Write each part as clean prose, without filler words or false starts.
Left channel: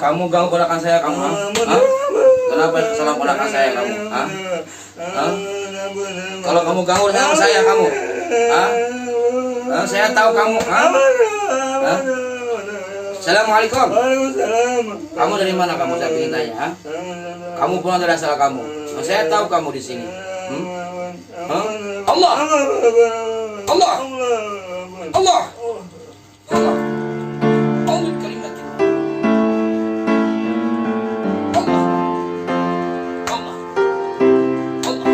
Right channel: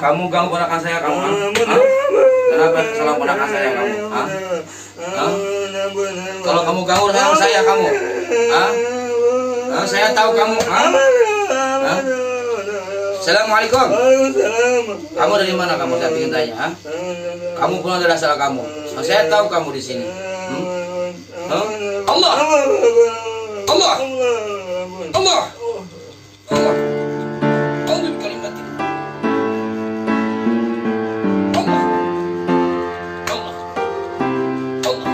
Kamu ganggu ponakan saya kamu, ha? Hah? Kenapa kesalahan ponakan saya kamu, ha? Hah? Kalau kamu ganggu sama saya kamu, ha? Hah? Saya tahu kamu, ha? Hah? Assalamualaikum. Kamu dari mana kamu, saya ingin tanya, ha? Kamu pulang dari asal kamu. Saya tahu kamu di sini. Hah? Allah. Allah. Allah. Allah. Allah kalimatin. Allah. Allah. Allah.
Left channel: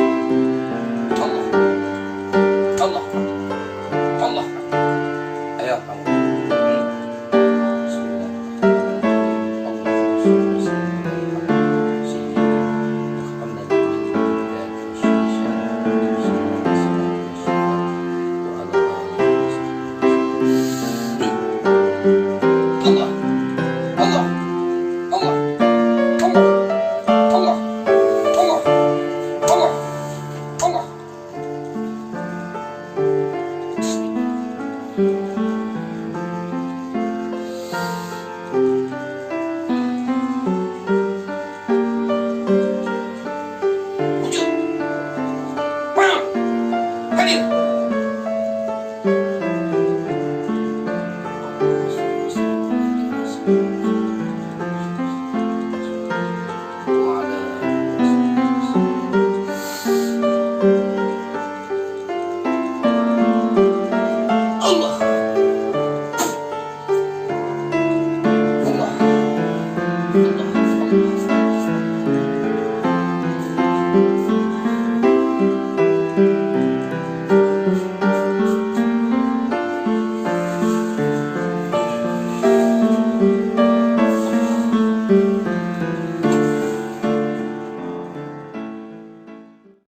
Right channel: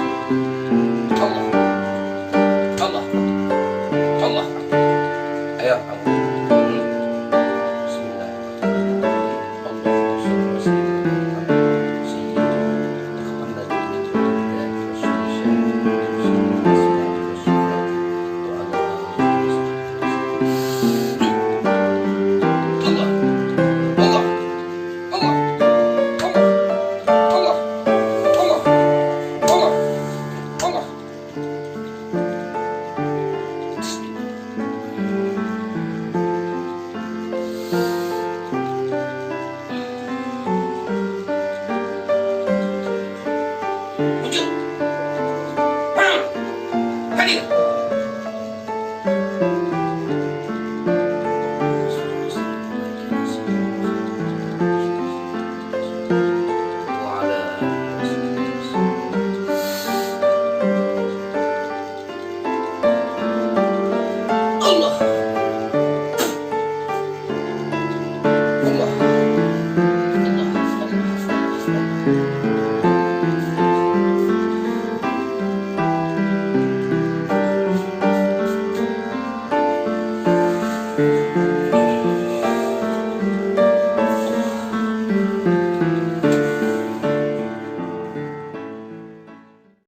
Allah. Allah. Allah. Ayo kamu. Bismillahirrahmanirrahim. Allahumma shalli